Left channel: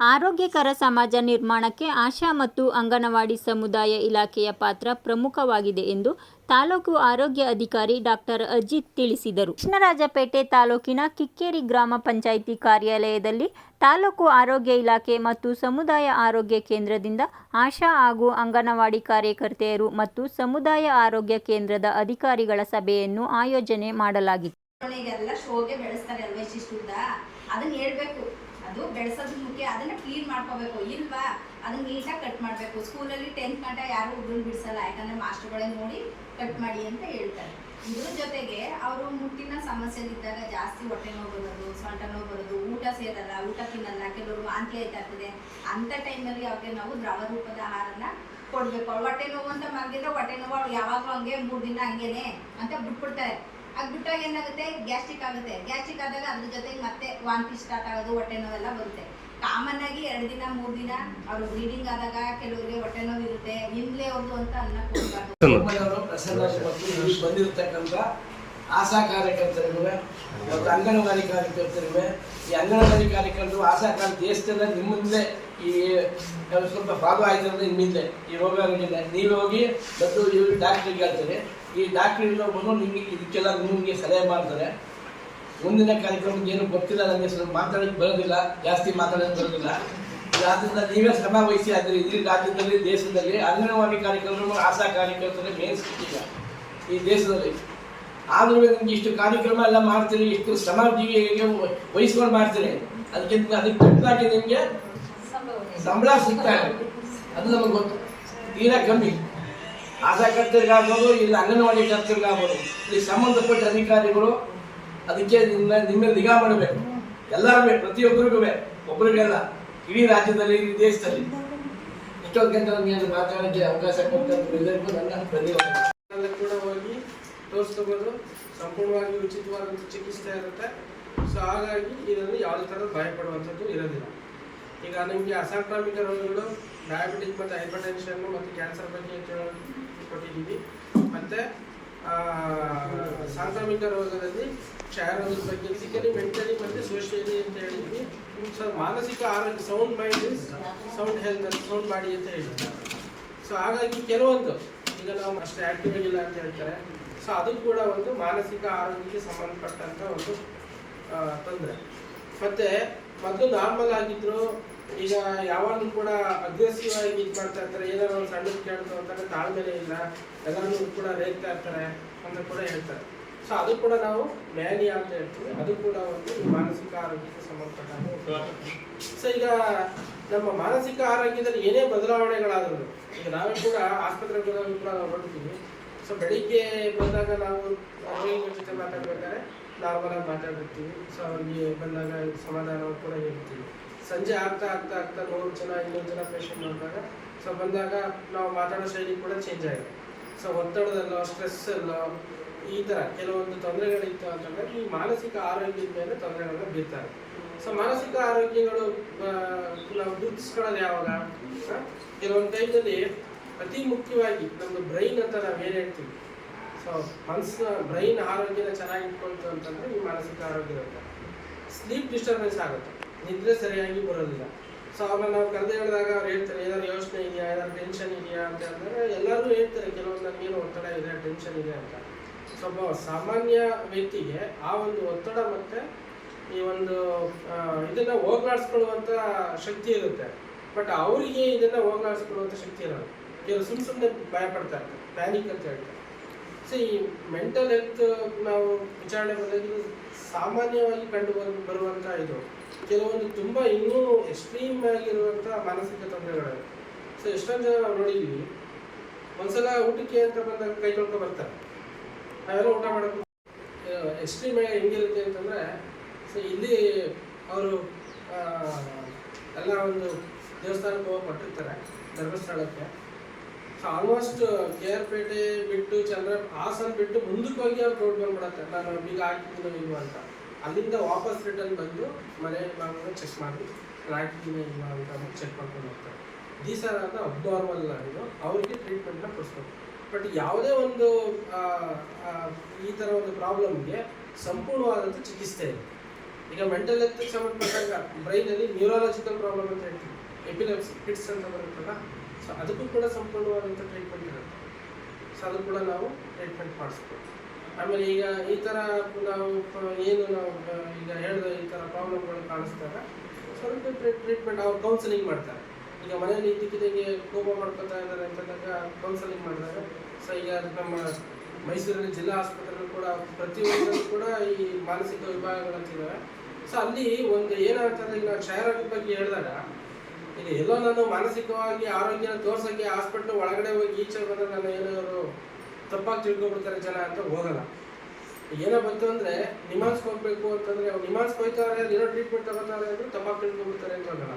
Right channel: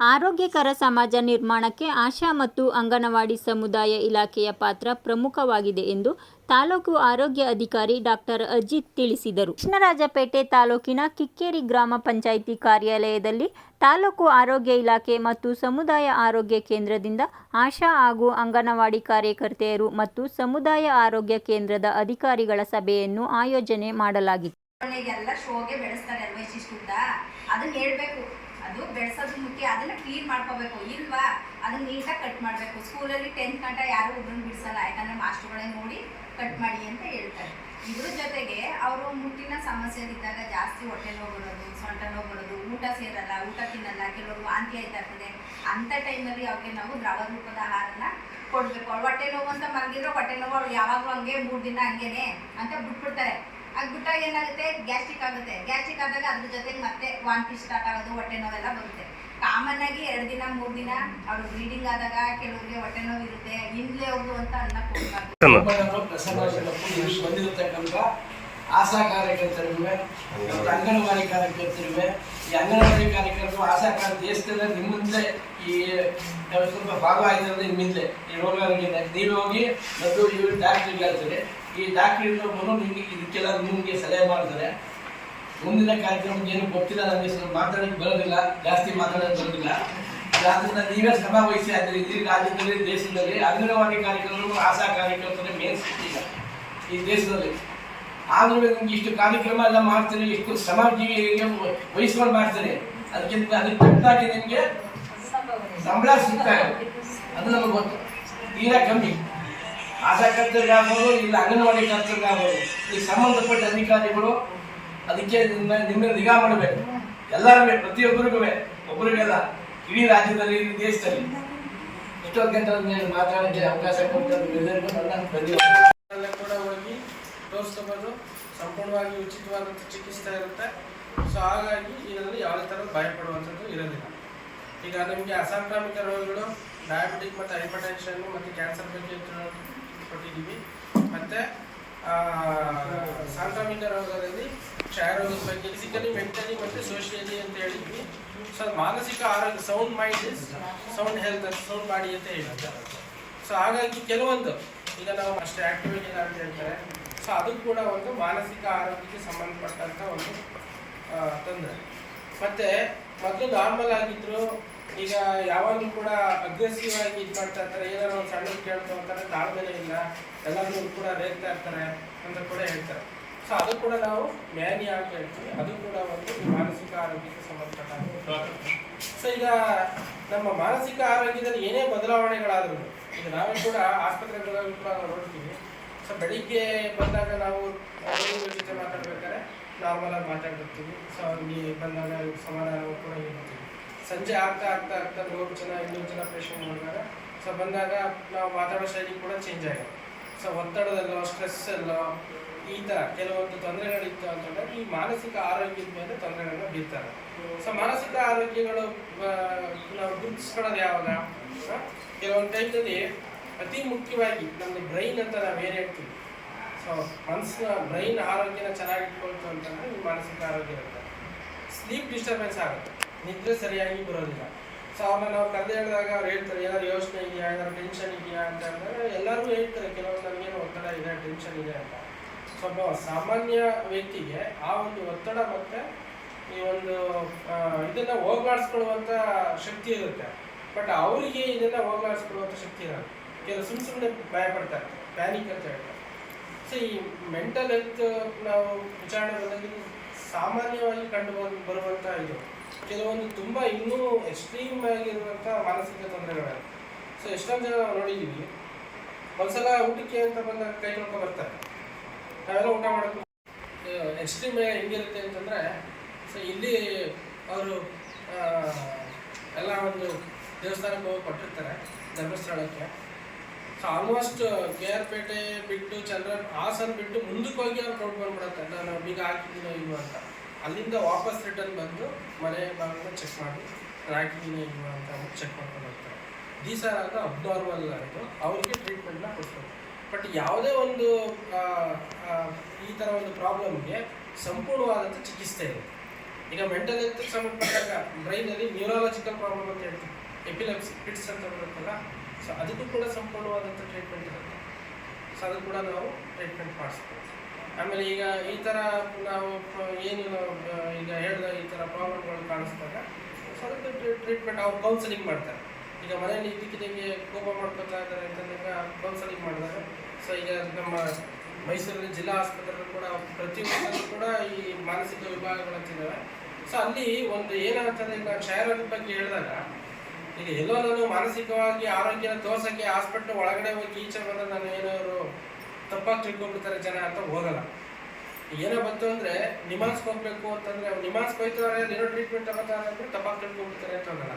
ಆರೋಗ್ಯಕರ ಸಮಾಜ ನಿರ್ಮಾಣಕ್ಕೆ ಆಶಾ ಮತ್ತು ಅಂಗನವಾಡಿ ಸಮುದಾಯ ಇಲಾಖೆಯ ಪಾತ್ರ ಪ್ರಮುಖವಾಗಿದೆ ಎಂದು ತಾಲೂಕು ಆರೋಗ್ಯ ಅಧಿಕಾರಿ ಡಾಕ್ಟರ್ ಅಜಿತ್ ತಿಳಿಸಿದರು. ಕೃಷ್ಣರಾಜಪೇಟೆ ತಾಲೂಕಿನ ಕಿಕ್ಕೇರಿ ಗ್ರಾಮ ಪಂಚಾಯಿತಿ ಕಾರ್ಯಾಲಯದಲ್ಲಿ ತಾಲೂಕು ಆರೋಗ್ಯ ಇಲಾಖೆ ಮತ್ತು ಸಮುದಾಯ ಆರೋಗ್ಯ ಕೇಂದ್ರದಿಂದ ಆಶಾ ಹಾಗೂ ಅಂಗನವಾಡಿ ಕಾರ್ಯಕರ್ತೆಯರು ಮತ್ತು ಸಮುದಾಯ ಆರೋಗ್ಯ ಕೇಂದ್ರದ ಅಧಿಕಾರಿಗಳ ಸಭೆಯನ್ನು ಆಯೋಜನೆ ಮಾಡಲಾಗಿತ್ತು. ಅದು ಬೆಳೆಸೋದು ಮುಖ್ಯ. ಅದನ್ನ ಕ್ಲೀನ್ ಮಾಡ್ಕೋಬೇಕು. ಇಲ್ವಾ? ಅದನ್ನ ನೀಟಾಗಿ ಕಟ್ ಮಾಡಬೇಕು. ಸ್ಕೂಲಲ್ಲಿ ಟೆಂತ್ ಗಂಟೆ ಯಾರು ಒಬ್ಬರನ್ನ ಬಿಡಿಸಲ್ಲ. ಯಾಕಂದ್ರೆ ಮಾಸ್ಟರ್ಗಳೇ ನೋಡಿ ಕಟ್ ಮಾಡಿ ಅಂತ ಹೇಳ್ತಾರೆ. ಇದ್ರ ಜೊತೆಗೆ ಅವರು ಮುಟ್ಟಿನ ಸಮಸ್ಯೆಲಿದ್ದಾಗ ಜಾಸ್ತಿ ಹೊಟ್ಟೆ ನೋವು ಬರೋದು, ಸೊಂಟ ನೋವು ಬರೋದು, ಊಟ ಸೇರಲ್ಲ, ಊಟ ತಿನ್ನಲ್ಲ. ಕೆಲವರು ವಾಂತಿ ಆಯ್ತಾ ಇರ್ತದೆ. ಅಂಥ ಟೈಮಲ್ಲಿ ಅವ್ರಿಗೆ ನಾವು ದ್ರವ ರೂಪದ ಆಹಾರನ ಕೊಡಬೇಕು. ಅವ್ರು ಹೊಟ್ಟೆ ನೋವು ಅಂತ ಮಲಗಿದ್ರೆ ಹೊಟ್ಟೆ ನೋವು ಅವ್ರು ಯಾವಾಗಲೂ ಹಂಗೆ ಮೂರು ದಿನ ಹಂಗೇನೆ ಅಂತ ಬಿಟ್ಬಿಡ್ತಾರೆ. ಆಗ್ಬಿಟ್ಟಾಗ ಏನಾಗುತ್ತೆ? ಗ್ಯಾಸ್ಟ್ರಿಕ್ ಆಗುತ್ತೆ. ಗ್ಯಾಸ್ಟ್ರಿಕ್ ಆದಾಗ ಅದ್ರ ಜೊತೆಗೆ ಮತ್ತೆ ವಾಂತಿ ಸ್ಟಾರ್ಟ್ ಆಗೋದು ಹೊಟ್ಟೆ ನೋವೆಲ್ಲ ಬರುತ್ತೆ. ಕಾಮನ್ ಆಗಿ ಎರಡು ದಿನ ಮೂರು ದಿನ ಅವರು ಬ್ಲೀಡಿಂಗ್ ಆದಾಗ ಕೆಲವರಿಗೆ ಹೊಟ್ಟೆ ನೋವು ಇರುತ್ತೆ. ಹಿಂದ್ಲೆ ಹೋಗು ಅಂತ ಅನ್ನ ಬಂದಿರತಕ್ಕಂಥ ಆಶಾ ಕಾರ್ಯಕರ್ತರಿವೆ ಮತ್ತು ಅಂಗನವಾಡಿ ಕಾರ್ಯಕರ್ತರಿವೆ. ಈ ಅಂಗನವಾಡಿ ಕಾರ್ಯಕರ್ತರು ಆಶಾ ಕಾರ್ಯ ದೇಶದಿಂದ ನಿಮ್ಮಿಂದ ಈ ಸ್ವಲ್ಪ ಭಾಗ ಆಯ್ತಂದ್ರೆ ನಿಮ್ಮಿಂದ. ಈ ರೋಗ ನೀವು ಹೋಗಿ ಮತ್ತು ಇವರು ಡಾಕ್ಟ್ರಿಗೆ ಹೇಳ್ತಾರೆ. ಈ ಡಾಕ್ಟ್ರ್ ಬಂದು ನಿಮಗೆ ಇದಕ್ಕೆಲ್ಲ ನಿಮಗೆ ಸಲಹೆ ಮಾಡ್ತಾರೆ. ಮುಂದಿನ ಕಾರ್ಯಕ್ರಮಕ್ಕೆ ಏನು ಗೊತ್ತಿಲ್ಲ ನನಗೆ ಸ್ವಲ್ಪ ಮಾತಾಡೋಕ್ಕೆ ಬರೋದಿಲ್ಲ, ಜಾಸ್ತಿ ಮಾತಾಡೋಕ್ಕೆ ಬರೋದಿಲ್ಲ. ಆದ್ರಿಂದ ನೀವೇ ಶ್ರಮ ವಹಿಸಿ ಆದರೆ ಇಡೀ ರಾಜ್ಯದಲ್ಲಿ, ದೇಶದಲ್ಲಿ ಅಂಗನವಾಡಿ ಕಾರ್ಯಕ್ರಮ ಆಶಾ ಕಾರ್ಯಕರ್ತರು ಮೇನ್ ಈಗ ಈ ದೇಶದಲ್ಲಿ. ಆದರೂ ನಿಮ್ಗೆ ಇಷ್ಟು ಕಾರ್ಯಕ್ರಮ ಎಲ್ಲ ಮಾಡ್ತೀರಿ, ಇಷ್ಟು ಶ್ರಮ ಜೀವಿ ವಹಿಸ್ಕೊಂಡು ಮಾಡ್ತೀರಿ. ಅದಕ್ಕಿಂತ ಅದಕ್ಕೆ ತಕ್ಕಾಗಿ ನಿಮಗೆ ಸಂಬಳ ಸಿಗ್ತಾ ಅದು ನಮಗೆ ಗೊತ್ತು. ತೀರಾ ಕಮ್ಮಿ. ಆಶಾ ಕರ್ತರಿಗಾಗ್ಬೋದು ಇಲ್ಲ ಅಂಗನವಾಡಿ ಕರ್ತರಿಗಾಗ್ಬೋದು ಈ ಸಂಬಂಧಪಟ್ಟ ಅಧಿಕಾರಿಗಳು ಅದಕ್ಕೆ ನಿಮ್ಮ ನಿಮ್ಮ ನಿಗಾ ಮಾಡಬೇಕು. ಎಲ್ಲರೂ ಪ್ರತಿಯೊಬ್ಬರಿಗೂ ಒಬ್ಬರಿಗೆಲ್ಲ, ಇಡೀ ರಾಜ್ಯದಲ್ಲಿ, ಇಡೀ ದೇಶದಲ್ಲಿ. ಇಷ್ಟೊಂದು ಗಂಟೆ ನಮಗೆ ಮಾತಾಡೋಕ್ಕೆ ಅವಕಾಶ ಕೊಟ್ಟಂತ ಎಲ್ಲರಿಗೂ ನನ್ನ ಕೂಡ ಹೋಗಿ ತೋರಿಸ್ಕೋಬೋದು. ಸಂಪೂರ್ಣವಾಗಿ ಉಚಿತವಾದಂಥ ಚಿಕಿತ್ಸೆ ಇರುತ್ತೆ. ಸೊ ಹಾಗಾಗಿ ಇದರಲ್ಲಿ ಯಾವುದೇ ಥರದ ಭಯಪಡುವಂಥದ್ದು ಇರೋದಿಲ್ಲ. ಈಗ ನಮಗೆ ಅಸಾಂಕ್ರಾಮಿಕ ರೋಗಗಳು ಡಯಾಬಿಟಿಕ್ ಮತ್ತು ಹೈಪರ್ಟೆನ್ಷನ್ ಮತ್ತು ಕ್ಯಾನ್ಸರ್ ಬಗ್ಗೆ ಕೊಟ್ಟಿದ್ದೀವಿ. ಮತ್ತು ಸಾಂಕ್ರಾಮಿಕ ರೋಗದಲ್ಲಿ ಕ್ಷಯ ರೋಗದ ಬಗ್ಗೆ ಫಿಸಿಕಲಿ ಮೆಂಟಲಿ ಮತ್ತು ಸೋಷಿಯಲಿ ಅಂತ ಹೇಳಿದ್ವಿ. ಸೊ ಮಾನಸಿಕ ಆರೋಗ್ಯ sound mind is sound health ಅಂತ ಸೌಂಡ್ ಬಾಡಿ ಅಂತ ಹೇಳಿದ್ದ ಸೊ ಹಾಗಾಗಿ ಕೆಲವೊಂದು, ಈಗ ನಾವು ಅಷ್ಟೇ ಆಕ್ಟಿವ್ ಆಗಿಲ್ಲ ಅಂತ ಹೇಳ್ತಾರೆ. ಸೊ ಅದು ಕೂಡ ಒಂದು ಮಾನಸಿಕ ಆರೋಗ್ಯಕ್ಕೆ ಸಂಬಂಧಪಟ್ಟಂತ ಒಂದು ತೊಂದರೆ. ಮತ್ತೆ, ಮೊದಲು ನಾರ್ಮಲ್ ಆಗಿದ್ರು ಈಗ ಯಾವಾಗಲೂ ಕೂಡ ಅಗ್ರೆಸಿವ್ ಆಗಿ ಇದು ಮಾಡ್ತಾ ಇರ್ತಾರೆ. ಏನಾದ್ರು ಒಂದು ಸಣ್ಣ ಕೇಳಿದ್ರು ಅಂತಾರೆ ತಾಳ್ಮೆಲೆ ಇಲ್ಲ. ಎಲ್ಲರೂ ಕೂಡ ರೇಗ್ತಾ ಇರ್ತಾರೆ ಅಂತ ಕೂಡ ಹೇಳ್ತಾರೆ. ಸೊ ಅದು ಕೂಡ ನಾವು ಮ್ಯಾನಿ ಅಂತ ಹೇಳ್ತೀವಿ. ಅದು ಕೂಡ ಒಂದು ಮಾನಸಿಕ ಆರೋಗ್ಯಕ್ಕೆ ಸಂಬಂಧಪಟ್ಟ ಸೊ ಈಗ ನಮ್ಮ ಮಾನಸಿಕ ಆರೋಗ್ಯದಲ್ಲಿ ಏನೇ ಬದಲಾವಣೆಗಳಾದರೂ, ಈಗ ನಾವೇ ಕೂಡ ಆಸ್ಪತ್ರೆಗಳಲ್ಲಿ ಕೂಡ ನಾವು ನೋಡ್ತೀವಿ. ಸೊ ಬೆಳಿಗ್ಗೆ ಬಂದಾಗ ನಾವು ಜೊತೆ ಮಾತಾಡ್ಬೇಕಾದ್ರೆ ನಾರ್ಮಲ್ ಆಗಿ ಮಾತಾಡಿರ್ತೀವಿ ಸೊ ಅವ್ರಿಗೆ ಬಂದಾಗ ಸಮಾಧಾನ ಕೂಡ ಹೇಳ್ತೀವಿ. ಸಂಜೆ ಆಗ್ತಾ ಆಗ್ತಾ ಆಗ್ತಾ ನೂರು ಜನ ಇನ್ನೂರು ಜನ ಪೇಷಂಟ್ ಬಂದಾಗ ಸೊ ಬಂದಾಗ ನಾವು ಮಾತಾಡೋ ಶೈಲಿ ಕೂಡ ಚೇಂಜ್ ಆಗಿದೆ ಸೊ ಒತ್ತಡದಲ್ಲೋ ಸ್ಟ್ರೆಸ್ ಅಲ್ಲೋ ಈ ಥರ ಕೆಲವೊಂದು ತೊಂದರೆಗಳಿತ್ತು ಅಂತಂದ್ರೆ ಈ ಮಾನಸಿಕ ಆರೋಗ್ಯದ ಮೇಲೆ ತೊಂದರೆಗಳನ್ನ ಬೀರ್ತಾರೆ. ಸೊ ಮಾನಸಿಕ ಆರೋಗ್ಯಗಳು ನಾವು ಗುರುತಿಸ್ಕೊಳ್ಳೋದು ಯಾವಾಗ? ಕೆಲವೊಂದು ಟೈಮಲ್ಲಿ ಅತಿ ಮುಖ್ಯವಾಗಿ ನಮ್ಮದು ಬ್ರೈನ್ ಅಂತ ನಾವು ಏನು ಹೇಳ್ತೀವಿ? ಸೊ ಮನಸ್ಸಿನ ಬ್ರೈನ್ ಆರೋಗ್ಯನ ಚೆನ್ನಾಗಿ ಇಟ್ಕೊಳ್ತು ಅಂತಂದ್ರೆ ಈ ಮಾನಸಿಕ ಆರೋಗ್ಯ ಇರುತ್ತೆ ಸ್ಲೀಪ್ ಡಿಸ್ಟರ್ಬೆನ್ಸ್ ಆಗುತ್ತೆ. ನಿದ್ರೆ ಸರಿಯಾಗಿ ಬರೋದಿಲ್ಲ. ಸೊ ಅವ್ರನ್ನ ನಾವು ಕರೆದು ಹೇಳಿದಾಗ ಅವ್ರು ಹೇಳ್ತಾರೆ ಏನಾದ್ರು ಯೋಚನೆ ಇದೆಯಾ? ಏನಾದ್ರು ಟೆನ್ಷನ್ ಇದೆಯಾ? ಅಂತ ಅಂದ್ರೆ ಎಲ್ಲರೂ ಹೇಳ್ತಾರೆ, ಕೆಲವೊಂದು ನನಗೇನು ಒತ್ತಡ ಇದೆ ಟೆನ್ಷನ್ ಇದೆ ಅಂತ. ಸೊ ಒಬ್ಬ ಸಾಮಾನ್ಯ ವ್ಯಕ್ತಿಗೆ ಆ ಒಂದು ಒತ್ತಡ ಮತ್ತು ಈ ಒಂದು ಇದನ್ನು ಹೋಗ್ಲಾಡಿಸ್ಕೊಳ್ಳುವಂಥ ಶಕ್ತಿ ಇರುತ್ತೆ. ಬಟ್ ಅವರಿಗೆ ಇದನ್ನು ಹೋಗ್ಲಾಡಿಸ್ಕೊಳ್ಳುವಂಥ ಶಕ್ತಿ ಇರಲ್ಲ. ಕೆಲವು ಸುಮ್ಮ ಸುಮ್ಮನೆ ಭಯ ಪಡ್ತಾರೆ ಪ್ಯಾನಿಕ್ ಅಂತ ಹೇಳ್ತಾರೆ. ಸೊ ಈ ಮೆಂಟಲ್ ಹೆಲ್ತ್ ನಾವು ವಿಚಾರಣೆ ಬಂದಾಗ ಸಾಮಾನ್ಯವಾಗಿ ಕಂಡು ಬರುವಂಥ ಇದು. ಕೆಲವೊಂದು ತುಂಬ ಇನ್ನೂ ಎಕ್ಸ್ಟ್ರೀಮ್ ಆಗಿರುವಂಥ ಮಾನಸಿಕ ತೊಂದರೆಗಳು ಸೊ ಎಷ್ಟೊಂದು ಜನ ನಾವು ನೋಡಿದ್ದೀವಿ ಒಂದ್ಸಲ ಊಟಕ್ಕೆ ಅಂತ ಬಂದಾಗ ಕೈ ತೊಳ್ಕೊ ಬರ್ತಾರೆ. ನಾವೆಲ್ಲ ಊಟ ಮಾಡೋದು ಎಕ್ಸ್ಟ್ರೀಮ್ ಹೆಂಗಿರುತ್ತೆ ಅಂತಂದರೆ ಸೊ ಇಲ್ಲಿ ಅವರು ಎಲ್ಲ ಒಂದು ದೇವಸ್ಥಾನಕ್ಕೆ ಹೋಗಿ ಕೊಟ್ಟಿರ್ತಾರೆ ಧರ್ಮಸ್ಥಳಕ್ಕೆ so almost K R Pete ಬಿಟ್ಟು ಚಂದ್ರ ಹಾಸನ್ ಬಿಟ್ಟು ಮುಂದಕ್ಕೆ ಹೋಗಿ ಅವ್ರು ರೋಡ್ ಬಂದ್ಬಿಡತ್ತೆ. ನಾನು ಬೀಗ ಹಾಕಿದ್ದೀನೋ ಇಲ್ವೋ ಅಂತ. ಅಲ್ಲಿಂದ ವಾಪಸ್ ರಿಟರ್ನ್ ಬಂದು ಮನೆ ಭಾಗನ ಚೆಕ್ ಮಾಡಿ ರಾಕಿದ್ದೀನಿ ಇಲ್ವೋ ಅಂತ ಚೆಕ್ ಮಾಡ್ಕೊಂಡು ಹೋಗ್ತಾರೆ. ದೀಸ್ ಆರ್ ಅಂತ ಅಬ್ನಾರ್ಮಲ್ ಇದು. ಅವ್ರಿಗೆ ಟ್ರೀಟ್ಮೆಂಟ್ನ ಕೊಡ್ತಾರೆ ಬಟ್ ಯಾವುದೇ ಒಂದು ಈ ಥರ ಒಂದು ಪ್ರಾಬ್ಲಮ್ಗೆ ಸಂಪೂರ್ಣವಾದಂಥ ಚಿಕಿತ್ಸೆ ಇದೆ ಈಗ ಮೆಂಟಲ್ ಹೆಲ್ತ್ ಸಂಬಂಧಪಟ್ಟಾಗ ಬ್ರೈನಲ್ಲಿ ನ್ಯೂರಾಲಜಿಕಲ್ ಪ್ರಾಬ್ಲಮ್ ಅಂತ ಹೇಳ್ತೀವಿ. ಎಪಿಲೆಪ್ಸಿ ಫಿಟ್ಸ್ ಅಂತ ಬರುತ್ತಲ್ಲ ಸೊ ಅದಕ್ಕೂ ಕೂಡ ಸಂಪೂರ್ಣವಾದಂಥ ಟ್ರೀಟ್ಮೆಂಟ್ ಇರುತ್ತೆ. ಸೊ ಅದನ್ನು ಕೂಡ ನಾವು ಟ್ರೀಟ್ಮೆಂಟ್ ಮಾಡಿಸ್ಬೋದು. ಆಮೇಲೆ ಈಗ ಈ ಥರ ನಾವು ಏನು ಈಗ ಹೇಳಿದ ಈ ಥರ ಪ್ರಾಬ್ಲಮ್ಗಳು ಕಾಣಿಸ್ದಾಗ ಸ್ವಲ್ಪ ಟ್ರೀಟ್ಮೆಂಟ್ ಅವ್ರು ಕೌನ್ಸಿಲಿಂಗ್ ಮಾಡ್ತಾರೆ. ಈಗ ಮನೆಯಲ್ಲಿ ಇದ್ದಕ್ಕಿದ್ದಂಗೆ ಕೋಪ ಮಾಡ್ಕೊತಾ ಇದ್ದಾರೆ ಅಂತಂದಾಗ ಕೌನ್ಸಲಿಂಗ್ ಮಾಡಿದಾಗ, ಸೊ ಈಗ ನಮ್ಮ ಮೈಸೂರಿನ ಜಿಲ್ಲಾ ಆಸ್ಪತ್ರೆಗಳು ಕೂಡ ಪ್ರತಿಯೊಂದರಲ್ಲೂ ಕೂಡ ಈ ಮಾನಸಿಕ ವಿಭಾಗಗಳು ವಿಭಾಗಗಳಂತಿದ್ದಾವೆ ಸೊ ಅಲ್ಲಿ ಒಂದು ಏನಾಗ್ತದೆ ಈಗ ನಾನು ಕ್ಷಯರೋಗದ ಬಗ್ಗೆ ಹೇಳಿದಾಗ, ಈಗ ಎಲ್ಲೋ ನಾನು ಮಾನಸಿಕವಾಗಿ ಆರೋಗ್ಯನ ತೋರ್ಸಕ್ಕೆ ಹಾಸ್ಪಿಟ್ಲ್ ಒಳಗಡೆ ಹೋಗಿ ಈಚೆ ಬಂದ ನಾನು ಏನಾದ್ರು ತಪ್ಪಾಗಿ ತಿಳ್ಕೊಂಡ್ಬಿಡ್ತಾರೆ ಜನ ಅಂತ ಹೋಗಲ್ಲ. ಏನೋ ಬಂತು ಅಂದ್ರೆ ನಿಮಾನ್ಸ್ಗೆ ಹೋಗ್ಬೇಕು ಅಂತಂದ್ರೆ ಅವ್ರು ನಿಮಾನ್ಸ್ಗೆ ಅಲ್ಲಿ ಏನೋ ಟ್ರೀಟ್ಮೆಂಟ್ ತಗೋತಾರೆ ಅಂದ್ರೆ ತಪ್ಪಾಗಿ ತಿಳ್ಕೊಂಡ್ಬಿಡ್ತಾರೆ ಅಂತ ಹೋಗಲ್ಲ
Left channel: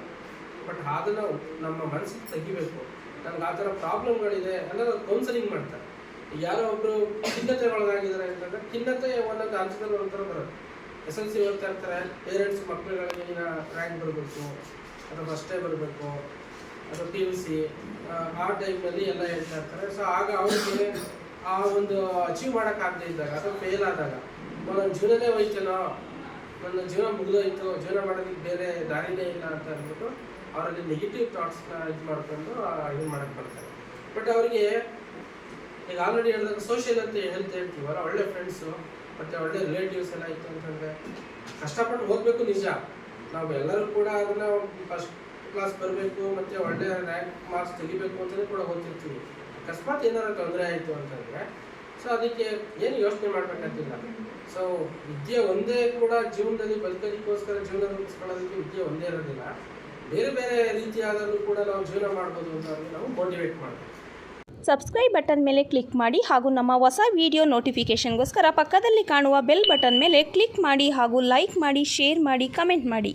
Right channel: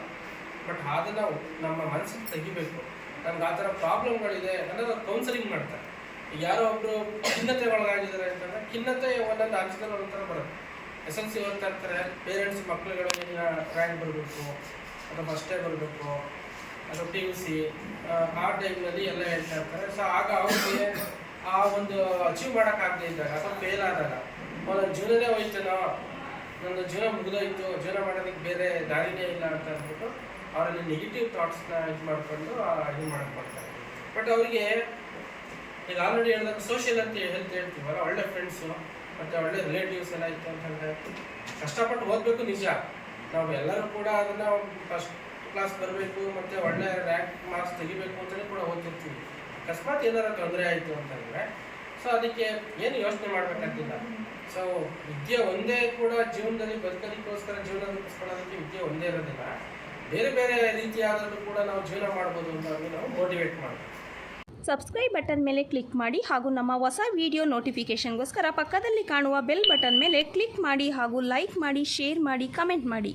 ಬಟ್ ಅದನ್ನ ನಮ್ಮ ಮನಸ್ಸಿಗೆ ತೆಗಿಬೇಕು. ನನ್ಗೆ ಆ ಥರ ಪ್ರಾಬ್ಲಮ್ಗಳಿದೆ ಅನ್ನೋದು ಕೌನ್ಸಿಲಿಂಗ್ ಮಾಡ್ತಾರೆ. ಯಾರೋ ಒಬ್ರು ಖಿನ್ನತೆ ಒಳಗಾಗಿದ್ದಾರೆ ಅಂತಂದ್ರೆ ಖಿನ್ನತೆ ಒಂದೊಂದು ಹಂತದಲ್ಲಿ ಒಂಥರ ಬರುತ್ತೆ. ಎಸ್ ಎಲ್ ಸಿ ಓದ್ತಾ ಇರ್ತಾರೆ ಪೇರೆಂಟ್ಸ್ ಮಕ್ಕಳುಗಳಿಗೆ ರ್ಯಾಂಕ್ ಬರಬೇಕು, ಅಥವಾ ಫಸ್ಟೇ ಬರಬೇಕು, ಅಥವಾ ಪಿ ಯು ಸಿ ಆ ಟೈಮಲ್ಲಿ ಎಲ್ಲ ಹೇಳ್ತಾ ಇರ್ತಾರೆ. ಸೊ ಆಗ ಅವ್ರಿಗೆ ಆ ಒಂದು ಅಚೀವ್ ಮಾಡೋಕ್ಕಾಗದೇ ಇದ್ದಾಗ ಅಥವಾ ಫೇಲ್ ಆದಾಗ ನನ್ನ ಜೀವನನೇ ಹೋಯ್ತೇನೋ, ನನ್ನ ಜೀವನ ಮುಗಿದೋಯ್ತು, ಜೀವನ ಮಾಡೋದಕ್ಕೆ ಬೇರೆ ದಾರಿನೇ ಇಲ್ಲ ಅಂತ ಅಂದ್ಬಿಟ್ಟು ಅವರಲ್ಲಿ ನೆಗೆಟಿವ್ ಥಾಟ್ಸ್ನ ಇದು ಮಾಡಿಕೊಂಡು ಇದು ಮಾಡಕ್ಕೆ ಬರ್ತಾರೆ. ಬಟ್ ಅವರಿಗೆ, ಈಗ ಆಲ್ರೆಡಿ ಹೇಳಿದಾಗ ಸೋಷಿಯಲ್ ಅಂತ ಹೆಲ್ತ್ ಹೇಳ್ತೀವಲ್ಲ, ಒಳ್ಳೆ ಫ್ರೆಂಡ್ಸು ಮತ್ತು ಒಳ್ಳೆ ರಿಲೇಟಿವ್ಸ್ ಎಲ್ಲ ಇತ್ತು ಅಂತಂದರೆ, ಕಷ್ಟಪಟ್ಟು ಓದಬೇಕು ನಿಜ. ನಾವೆಲ್ಲರೂ ಕೂಡ ಅದನ್ನು ಫಸ್ಟ್ ಕ್ಲಾಸ್ ಬರಬೇಕು, ಮತ್ತು ಒಳ್ಳೆ ರ್ಯಾಂಕ್ ಮಾರ್ಕ್ಸ್ ತೆಗಿಬೇಕು ಅಂತಲೂ ಕೂಡ ಓದ್ತಿರ್ತೀವಿ. ಅಕಸ್ಮಾತ್ ಏನಾರ ತೊಂದರೆ ಆಯಿತು ಅಂತಂದ್ರೆ ಸೊ ಅದಕ್ಕೆ ಏನು ಯೋಚನೆ ಮಾಡಬೇಕಂತಿಲ್ಲ ಸೊ ವಿದ್ಯೆ ಒಂದೇ ಕೂಡ ಜೀವನದಲ್ಲಿ ಬದುಕೋದಕ್ಕೋಸ್ಕರ ಜೀವನ ರೂಪಿಸ್ಕೊಳ್ಳೋದಕ್ಕೆ ವಿದ್ಯೆ ಒಂದೇ ಇರೋದಿಲ್ಲ. ಬೇರೆ ಬೇರೆ ರೀತಿಯಾದಲ್ಲೂ ಕೂಡ ನಾವು ಜೀವನ ಮಾಡ್ಬೋದು ಅಂತ ನಾವು ಮೋಟಿವೇಟ್ ಮಾಡಬೇಕು ಸಬ್ಸ್ಕ್ರೈಬ್ ಬಟನ್ ಮೇಲೆ ಕ್ಲಿಕ್ ಮಾಡಿ ಹಾಗೂ ನಮ್ಮ ಹೊಸ ವಿಡಿಯೋ ನೋಟಿಫಿಕೇಷನ್ಗೋಸ್ಕರ ಪಕ್ಕದಲ್ಲಿ ಕಾಣುವ ಬೆಲ್ ಬಟನ್ ಮೇಲೆ ಕ್ಲಿಕ್ ಮಾಡಿ ಹಾಗೂ ಲೈಕ್ ಮಾಡಿ ಶೇರ್ ಮಾಡಿ ಕಮೆಂಟ್ ಮಾಡಿ.